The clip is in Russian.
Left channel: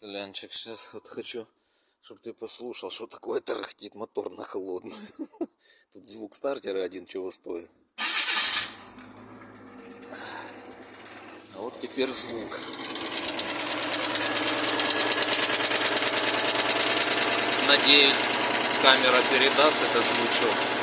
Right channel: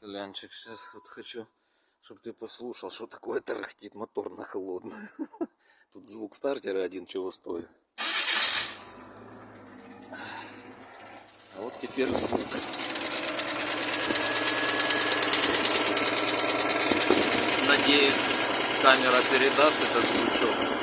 Лянчик, сейчас вот хочу, чтобы ты послушал, что такое тарахтит мотор на холодную. Тут звук стартера один чего стоит. А вот теперь звук. Надеюсь, камера передаст этот звучок.